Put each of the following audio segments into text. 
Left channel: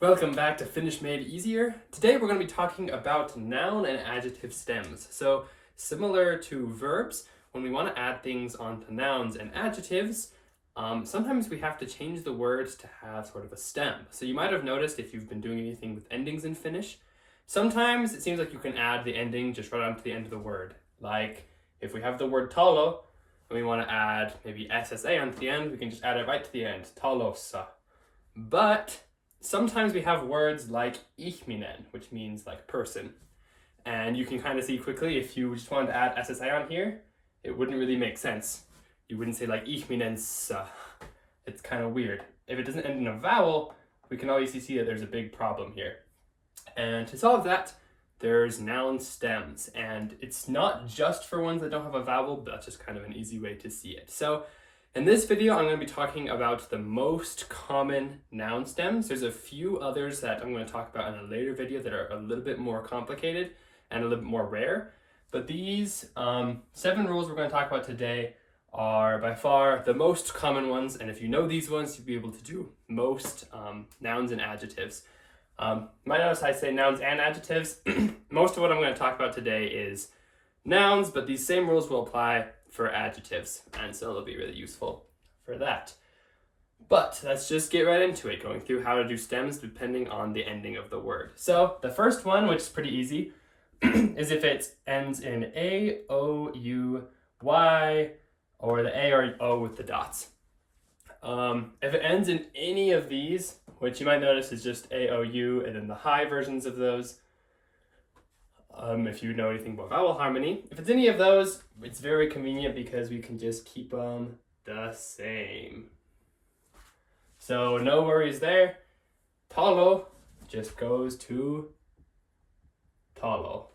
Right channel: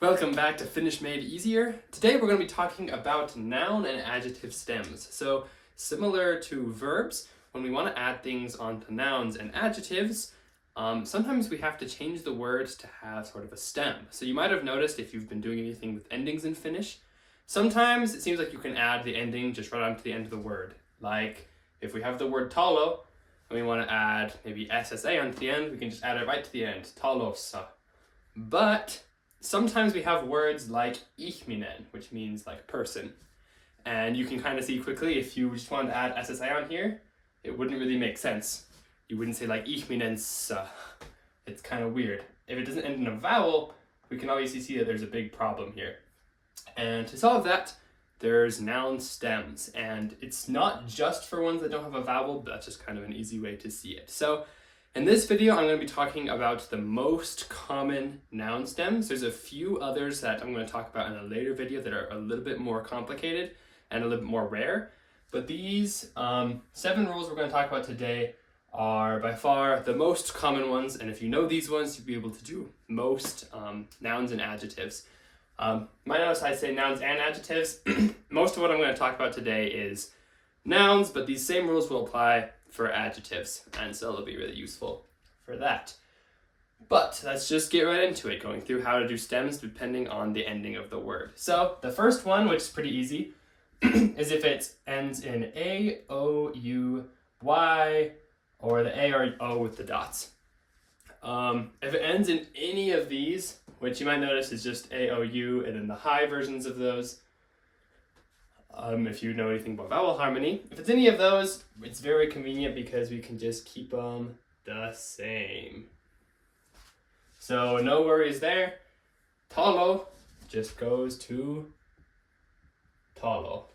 Welcome back to Finnish Made Easier. Today we're going to be talking about noun and adjective stems. So similar to verbs, when we want to add things onto nouns and adjectives, sometimes we have to change the words to have sort of a stem. So you might have noticed if you've been doing anything with endings in Finnish, sometimes it seems like you can add the ending just right onto the end of the word. Like if we have the word talo and we want to add maybe SSA onto the end, we can just add it right to the end, talossa. But sometimes we have words like ihminen, which means like person. And you can kind of see quickly if you just wanted to add SSA on here, it wouldn't really make sense. You wouldn't say like ihminensa. It's kind of weird. If it doesn't end in a vowel, we can obviously see that there's a big problem here. And to solve that, there's noun stems. And it's not just for ones that don't have a vowel, but that's just kind of an easy way to see it. So in this video, I'm going to be talking about the most common noun stems. There's a few others that I'm going to talk about in a later video that are a little bit more complicated and a little bit more rare. But these 7 rules we're going to talk about today are by far the most common ones. And if you know these ones, you'll be able to do most nouns and adjectives. Might notice I say nouns and adjectives. Most of what I'm going to talk about today is nouns, but these same rules will apply for adjectives, and so it'll be really useful for that. But let's just get right into it, going through how to do stems depending on the ending of the word. So the first one, which is pretty easy, is if it ends in A, O, U, Y, or the A or O with the dots. If it ends in any of these, which you might notice is just A, O, U, and then the high versions of those, if you know anything about vowel harmony. If it's any of those, it's very convenient because we can just keep them the same. So no worries there. Talo just goes to talo.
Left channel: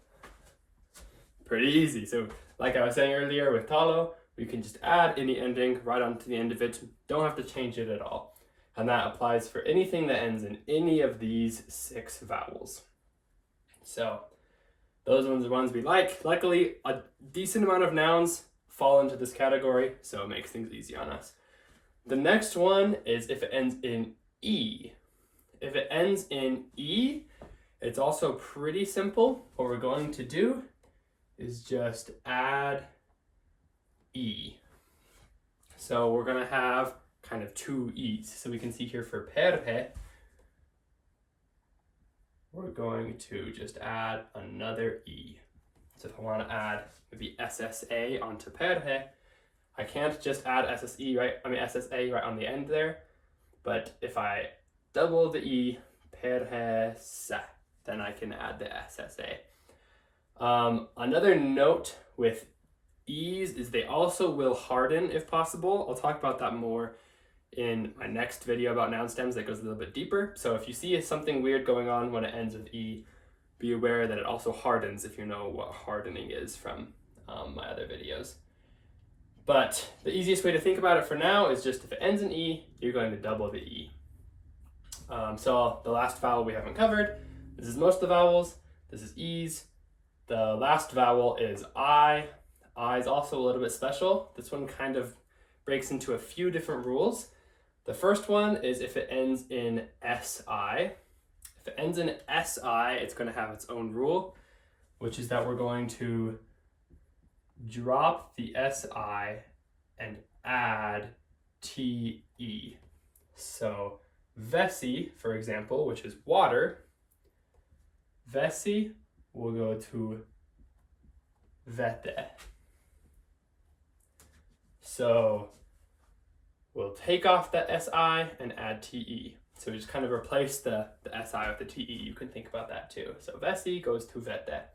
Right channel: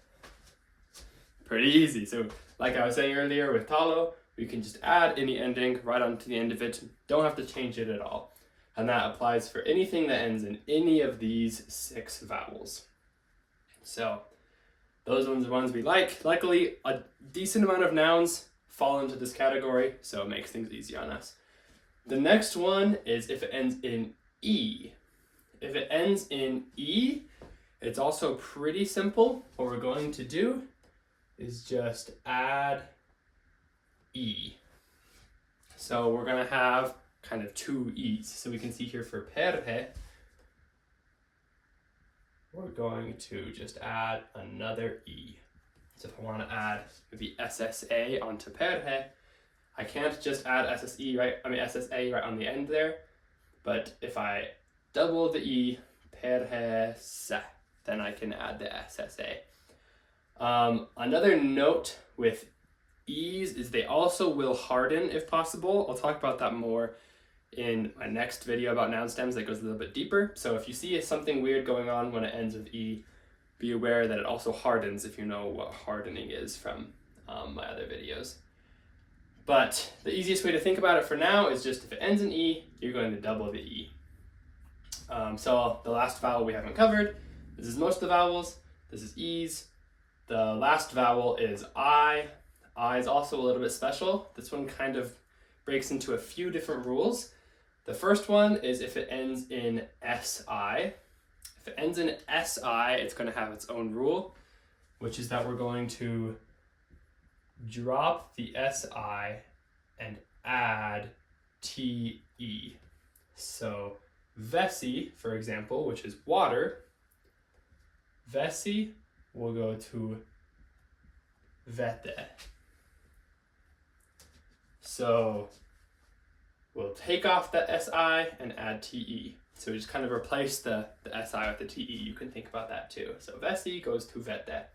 Pretty easy. So like I was saying earlier with talo, we can just add any ending right onto the end of it. Don't have to change it at all. And that applies for anything that ends in any of these 6 vowels. So those ones are ones we like. Luckily, a decent amount of nouns fall into this category, so it makes things easy on us. The next one is if it ends in E. If it ends in E, it's also pretty simple. What we're going to do is just add E. So we're going to have kind of 2 E's. So we can see here for perhe, we're going to just add another E. So if I want to add maybe SSA onto perhe, I can't just add SSA right on the end there, but if I double the E, perhe se, then I can add the SSA. Another note with E's is they also will harden if possible. I'll talk about that more in my next video about noun stems that goes a little bit deeper. So if you see something weird going on when it ends with E, be aware that it also hardens if you know what hardening is from my other videos. But the easiest way to think about it for now is just if it ends in E, you're going to double the E. So the last vowel we haven't covered, this is most of the vowels, this is E's. The last vowel is I. I is also a little bit special. This one kind of breaks into a few different rules. The first one is if it ends in SI. If it ends in SI, it's going to have its own rule, which is that we're going to drop the SI and add TE. So vesi, for example, which is water, vesi will go to vete. So we'll take off the SI and add TE. So we just kind of replace the SI with the TE. You can think about that too. So vesi goes to vete.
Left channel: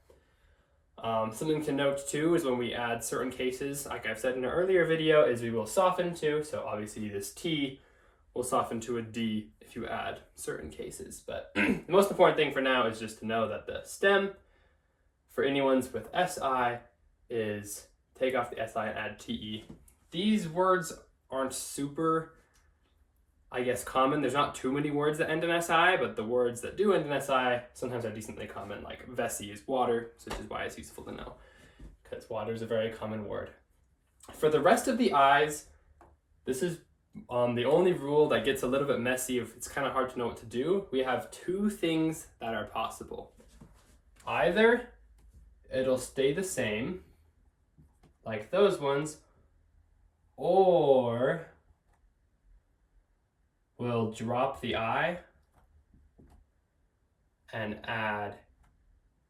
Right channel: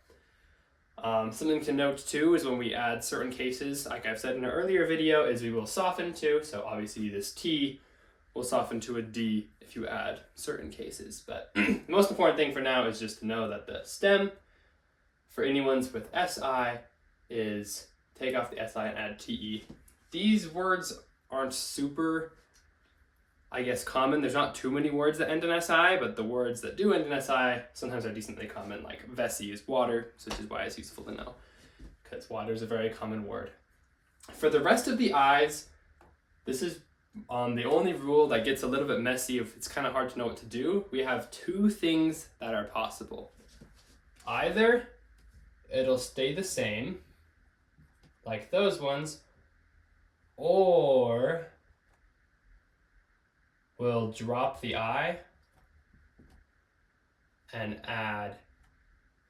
Something to note too is when we add certain cases, like I've said in an earlier video, is we will soften to. So obviously this T will soften to a D if you add certain cases. But the most important thing for now is just to know that the stem for any ones with SI is take off the SI and add TE. These words aren't super, I guess, common. There's not too many words that end in SI, but the words that do end in SI sometimes are decently common, like vesi is water, which is why it's useful to know, because water is a very common word. For the rest of the I's, this is The only rule that gets a little bit messy, if it's kind of hard to know what to do, we have two things that are possible. Either it'll stay the same, like those ones, or we'll drop the I and add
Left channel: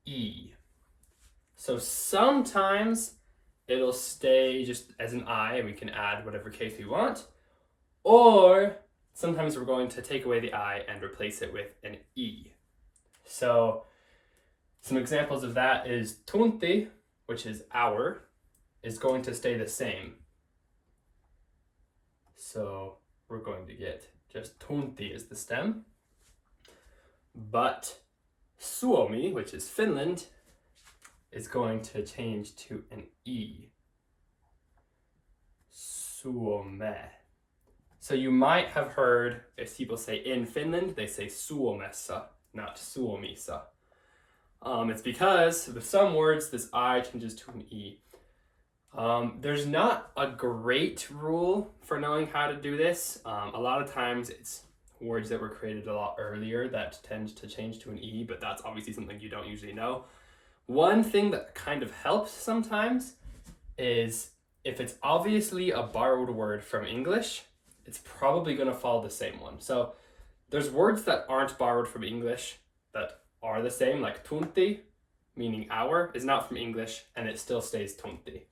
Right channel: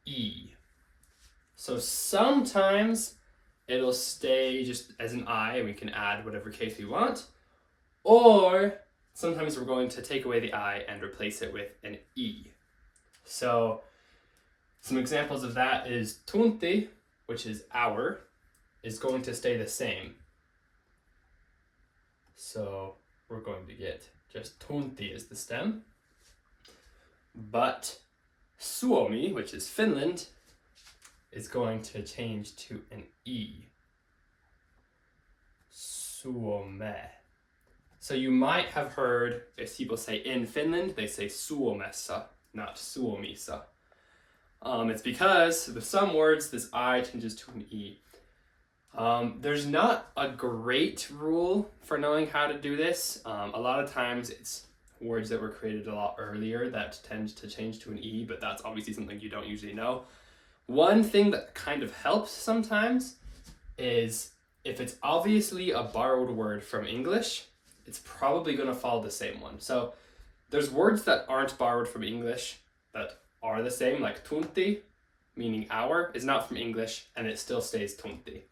E. So sometimes it'll stay just as an I and we can add whatever case we want, or sometimes we're going to take away the I and replace it with an E. So some examples of that is tunti, which is our, is going to stay the same. So we're going to get just tunti as the stem. But Suomi, which is Finland, is going to change to an E. Suome. So you might have heard, if people say in Finland, they say Suomessa, not Suomisa. It's because with some words, this I changes to an E. There's not a great rule for knowing how to do this. A lot of times it's words that were created a lot earlier that tend to change to an E, but that's obviously something you don't usually know. One thing that kind of helps sometimes is if it's obviously a borrowed word from English, it's probably going to follow the same one. So there's words that aren't borrowed from English that are the same, like tunti, meaning our, is not from English and it still stays tunti.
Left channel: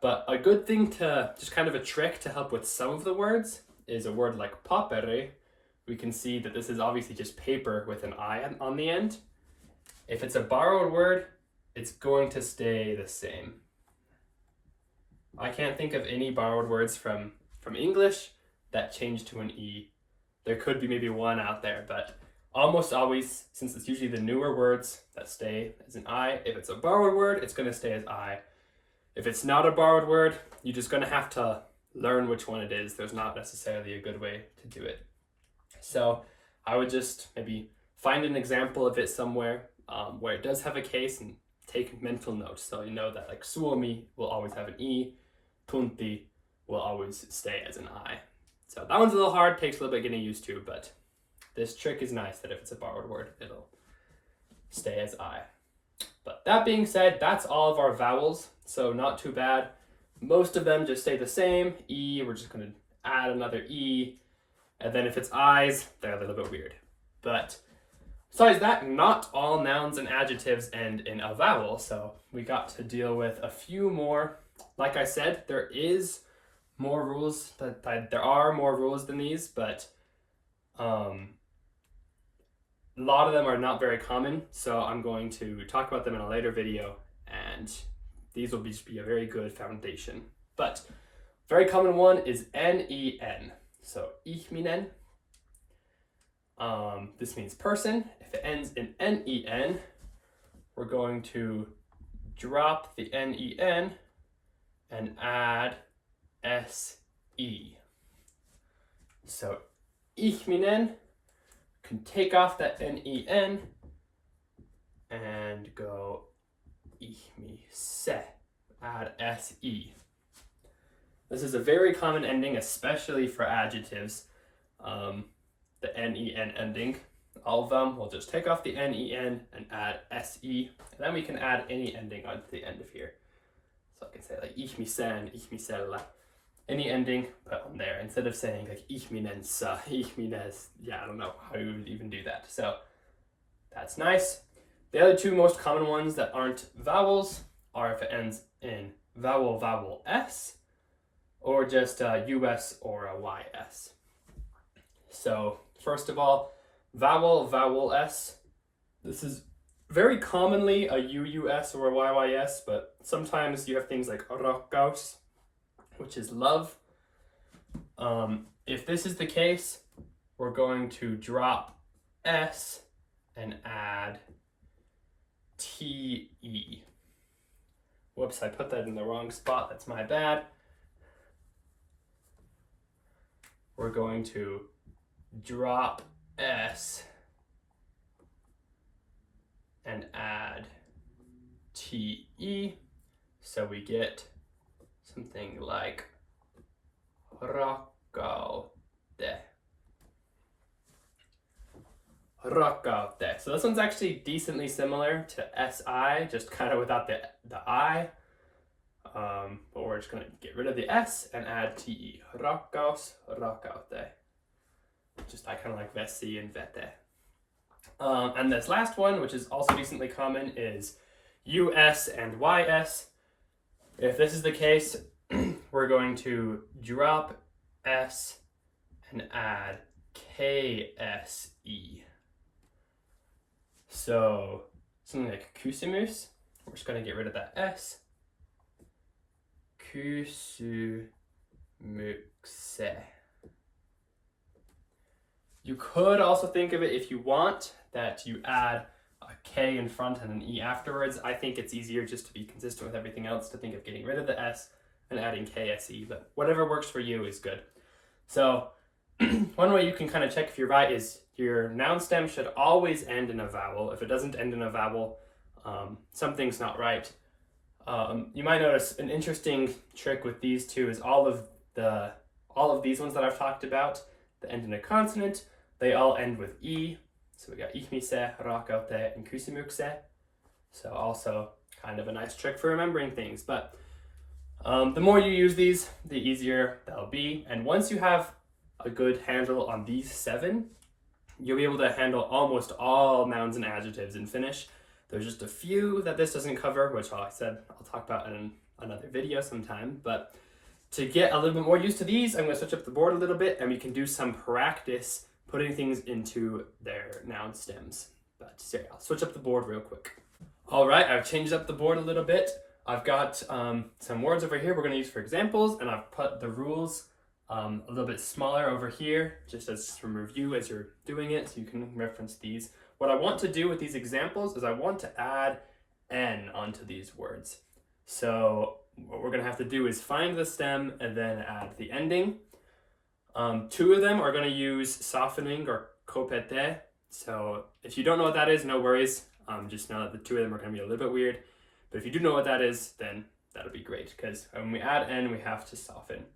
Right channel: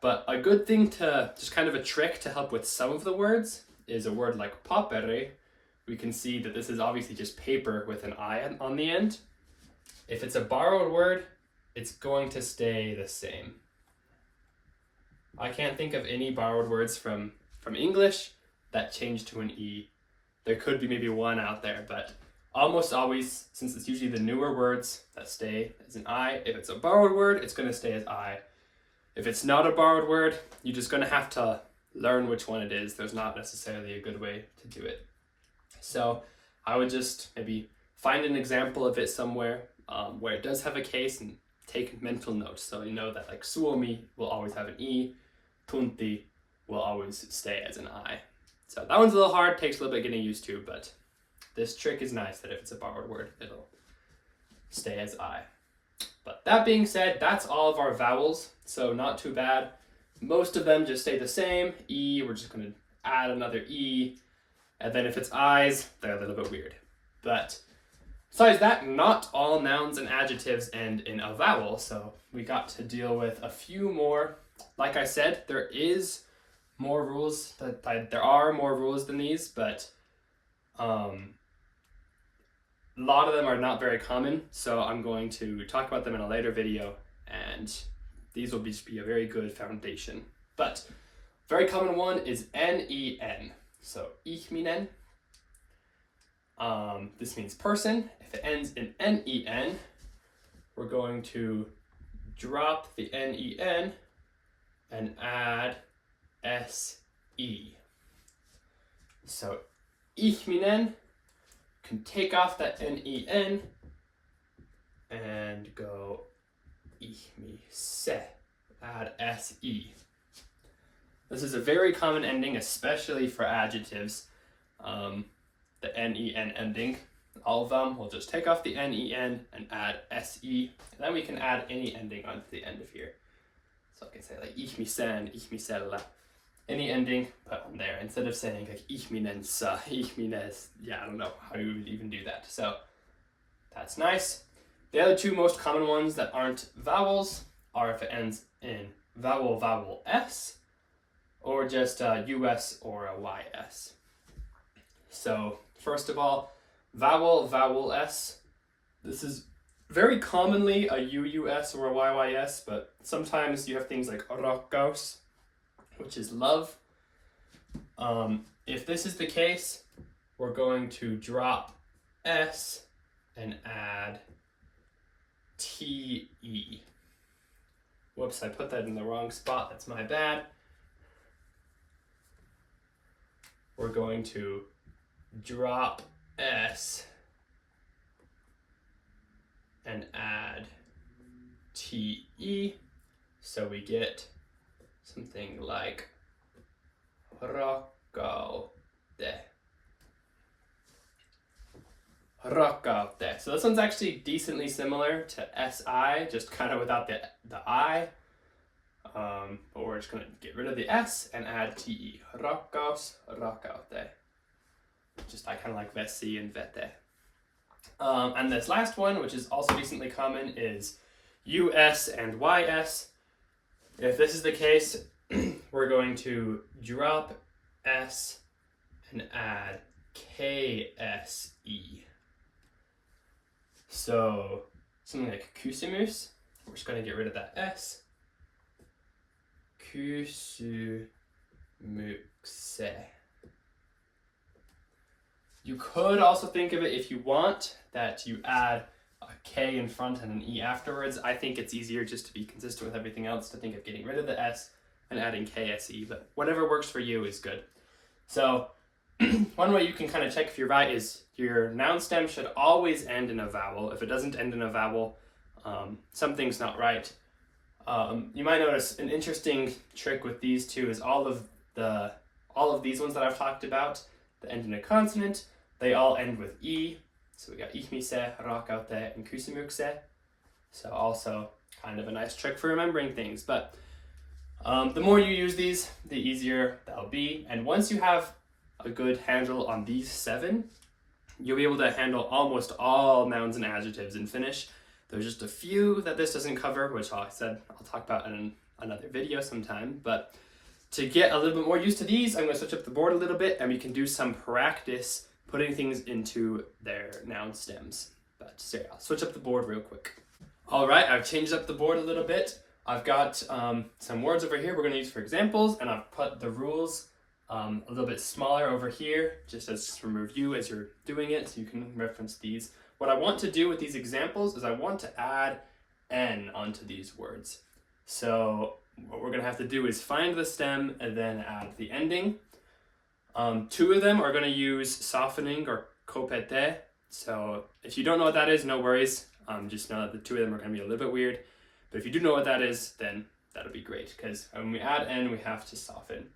But a good thing to, just kind of a trick to help with some of the words, is a word like paperi. We can see that this is obviously just paper with an I on the end. If it's a borrowed word, it's going to stay the same. I can't think of any borrowed words from English that change to an E. There could be maybe one out there, but almost always, since it's usually the newer words that stay as an I, if it's a borrowed word, it's going to stay as I. If it's not a borrowed word, you're just going to have to learn which one it is. There's not necessarily a good way to do it. So I would just maybe find an example of it somewhere where it does have a case and take mental notes. So you know that like Suomi will always have an E, tunti will always stay as an I. So that one's a little hard, takes a little bit getting used to, but this trick is nice that if it's a borrowed word, it'll stay as I. But that being said, that's all of our vowels, so not too bad. Most of them just stay the same. E, we're just going to add another E. And then if it's I's, they're a little bit weird. But besides that, not all nouns and adjectives end in a vowel, so we got to deal with a few more. Like I said, there is more rules, there are more rules than these, but a lot of them are not very common, so I'm going to talk about them in a later video, and these will just be a very good foundation. But very common one is N-E-N. So ihminen. This means person. If it ends in N-E-N, we're going to drop the N-E-N and add S-E. So ihminen, can take off that N-E-N and go ihmise, add S-E. This is a very common ending, especially for adjectives. The N-E-N ending. All of them, we'll just take off the N-E-N and add S-E. And then we can add any ending onto the end of here. So I can say like ihmisen, ihmisella. Any ending, put on there. Instead of saying like ihminensa, ihmines. Yeah, I don't know how you would even do that. So that's nice. The other two most common ones that aren't vowels are if it ends in vowel, vowel, S, or just a US or a YS. So first of all, vowel, vowel, S. This is very commonly a UUS or a YYS, but sometimes you have things like rakkaus, which is love. If this is the case, we're going to drop S and add TE. Whoops, I put that in the wrong spot. That's my bad. We're going to drop S and add TE. So we get something like Rakkaute. So this one's actually decently similar to SI, just kind of without the I. But we're just going to get rid of the S and add TE. Rakkaus, rakkaute. Just I kind of like vesi and vete. And this last one, which is also decently common, is US and YS. If this is the case, we're going to drop S and add KSE. So something like kusimus, we're just going to get rid of that S. Kusumukse. You could also think of it, if you want, that you add a K in front and an E afterwards. I think it's easier, just to be consistent with everything else, to think of getting rid of the S and adding KSE, but whatever works for you is good. So one way you can kind of check if you're right is your noun stem should always end in a vowel. If it doesn't end in a vowel, something's not right. You might notice an interesting trick with these two is all of these ones that I've talked about that end in a consonant, they all end with E. So we got ihmise, rakkaute, and kusimukse. So also kind of a nice trick for remembering things. But the more you use these, the easier they'll be. And once you have a good handle on these 7, you'll be able to handle almost all nouns and adjectives in Finnish. There's just a few that this doesn't cover, which I said I'll talk about in another video sometime. But to get a little bit more used to these, I'm going to switch up the board a little bit and we can do some practice putting things into their noun stems. But so yeah, I'll switch up the board real quick. All right, I've changed up the board a little bit. I've got some words over here we're going to use for examples, and I've put the rules a little bit smaller over here, just as some review as you're doing it, so you can reference these. What I want to do with these examples is I want to add N onto these words. So what we're going to have to do is find the stem and then add the ending. 2 of them are going to use softening or kopete. So if you don't know what that is, no worries. Just know that the 2 of them are going to be a little bit weird. But if you do know what that is, then that'll be great, because when we add N, we have to soften.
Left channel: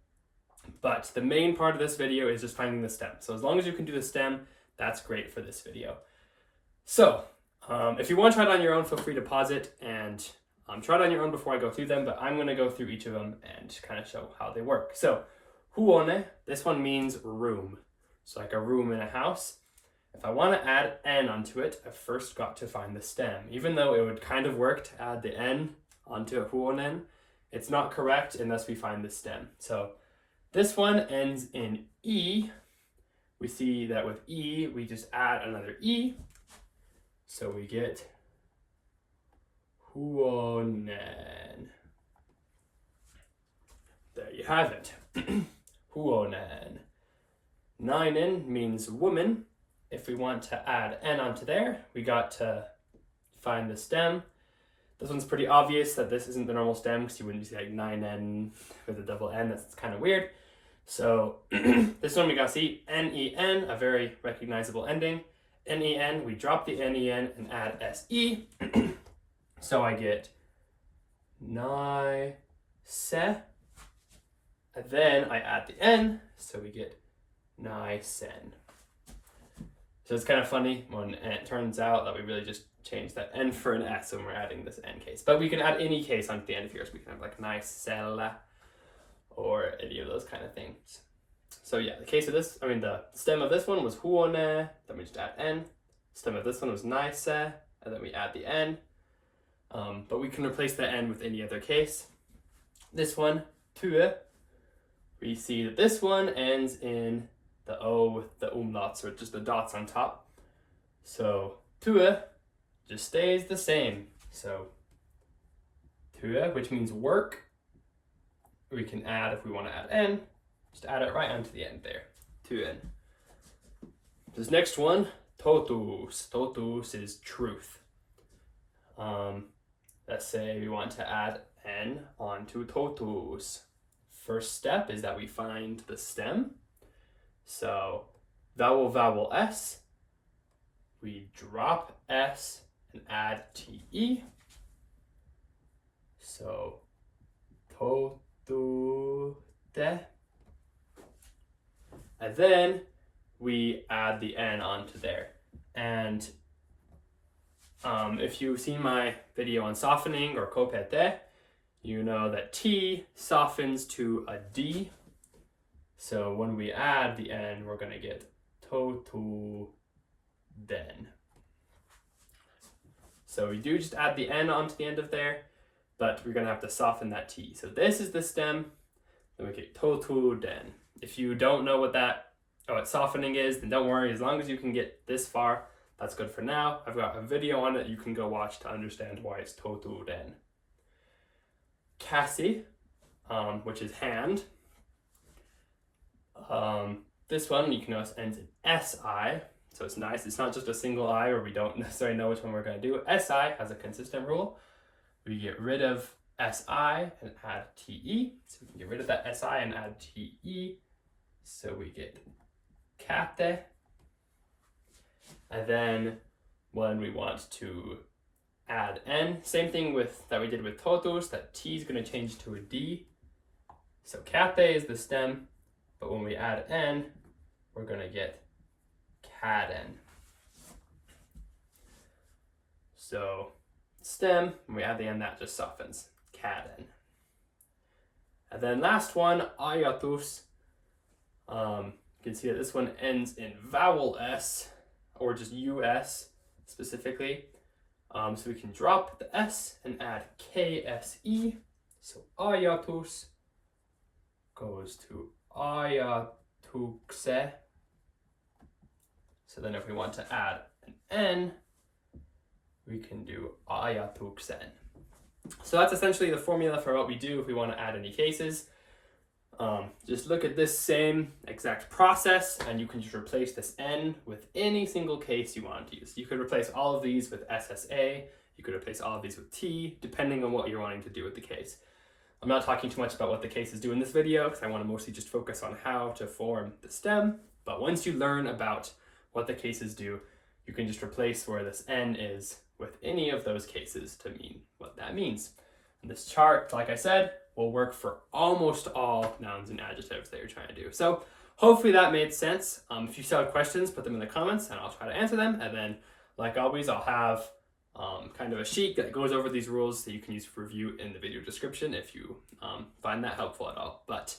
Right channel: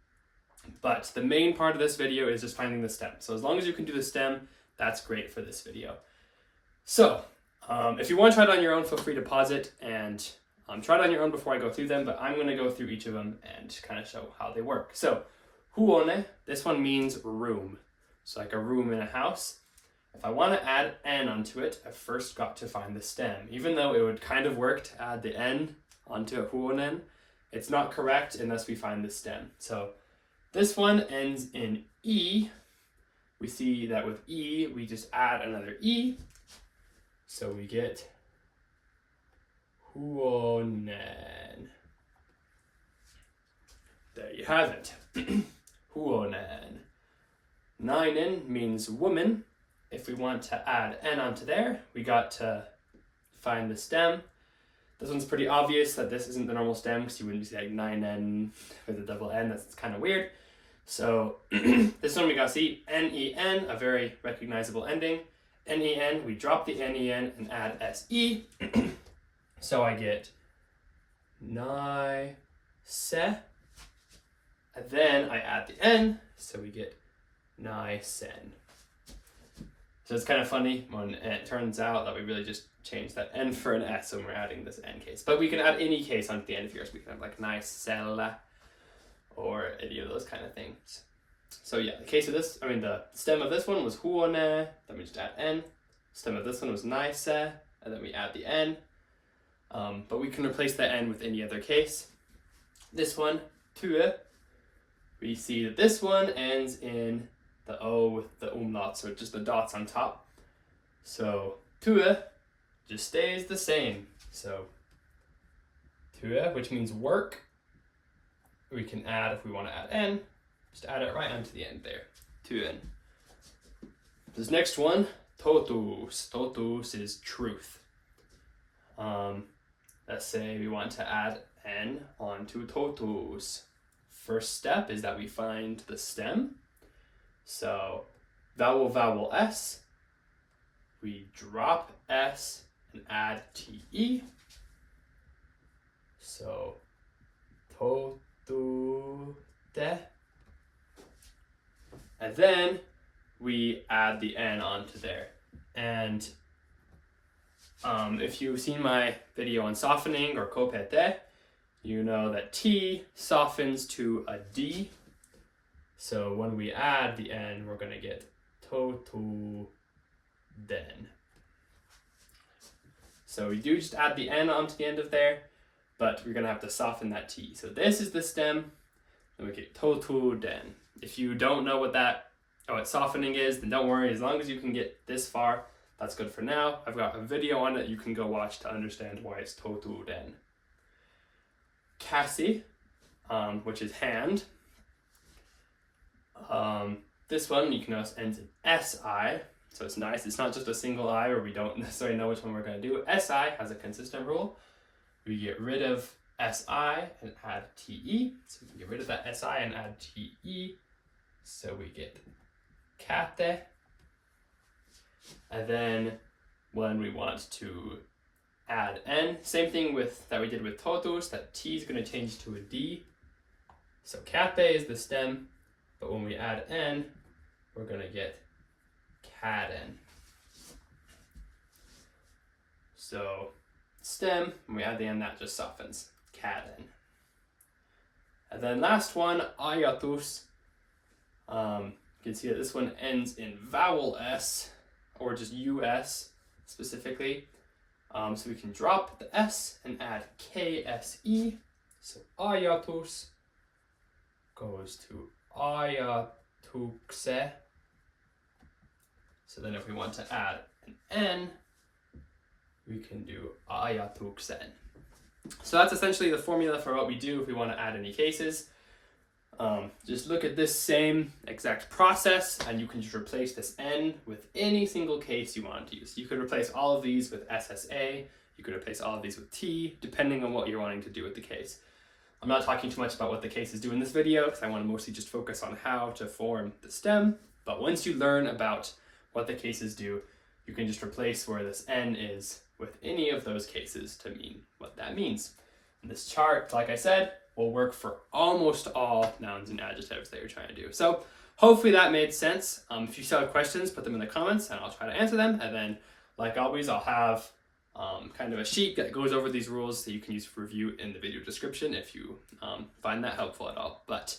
But the main part of this video is just finding the stem. So as long as you can do the stem, that's great for this video. So if you want to try it on your own, feel free to pause it and try it on your own before I go through them, but I'm going to go through each of them and kind of show how they work. So huone, this one means room. So like a room in a house. If I want to add N onto it, I first got to find the stem. Even though it would kind of work to add the N onto huonen, it's not correct unless we find the stem. So this one ends in E. We see that with E, we just add another E. So we get huonen. There you have it. Huonen. Nainen means woman. If we want to add N onto there, we got to find the stem. This one's pretty obvious that this isn't the normal stem, because you wouldn't say like 9N with a double N. That's kind of weird. So this one we got to see N-E-N, a very recognizable ending. N-E-N, we drop the N-E-N and add S-E. So I get nai-se. And then I add the N, so we get nai-sen. So it's kind of funny when it turns out that we really just changed that N for an S when we're adding this N case. But we can add any case onto the end of yours. We can have like nai-sella or any of those kind of things. So yeah, the stem of this one was huone, then we just add N. Stem of this one was naise, and then we add the N. But we can replace the N with any other case. This one, tue, we see that this one ends in the O with the umlauts, or just the dots on top. So tue just stays the same. So tue, which means work, we can add, if we want to add N, just add it right onto the end there. Tuen. This next one, totuus. Totuus is truth. Let's say we want to add N onto totuus. First step is that we find the stem. So vowel, vowel S. We drop S and add TE. So totute. And then we add the N onto there. And if you've seen my video on softening or kopete, you know that T softens to a D. So when we add the N, we're going to get totu den. So we do just add the N onto the end of there, but we're going to have to soften that T. So this is the stem, then we get totu den. If you don't know what softening is, then don't worry. As long as you can get this far, that's good for now. I've got a video on it you can go watch to understand why it's totu den. Kasi, which is hand. This one you can notice ends in SI, so it's nice. It's not just a single I where we don't necessarily know which one we're going to do. SI has a consistent rule. We get rid of SI and add TE, so we can get rid of that SI and add TE, so we get kate. And then when we want to add N, same thing that we did with totus, that T is going to change to a D. So kate is the stem, but when we add N, we're going to get kaden. So stem, when we add the N, that just softens, kaden. And then last one, ayatus. You can see that this one ends in vowel S, or just US specifically. So we can drop the S and add KSE. So ayatus goes to ayatukse. So then if we want to add an N, we can do ayatuksen. So that's essentially the formula for what we do if we want to add any cases. Just look at this same exact process and you can just replace this N with any single case you want to use. You could replace all of these with SSA, you could replace all of these with T, depending on what you're wanting to do with the case. I'm not talking too much about what the cases do in this video because I want to mostly just focus on how to form the stem. But once you learn about what the cases do, you can just replace where this N is with any of those cases to mean what that means. And this chart, like I said, will work for almost all nouns and adjectives that you're trying to do. So hopefully that made sense. If you still have questions, put them in the comments and I'll try to answer them. And then, like always, I'll have kind of a sheet that goes over these rules that you can use for review in the video description if you find that helpful at all. But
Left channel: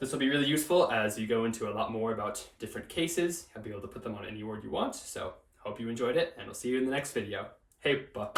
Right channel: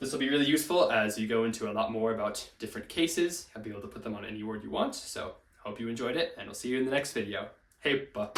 this will be really useful as you go into a lot more about different cases. You'll be able to put them on any word you want. So hope you enjoyed it and I'll see you in the next video. Heippa!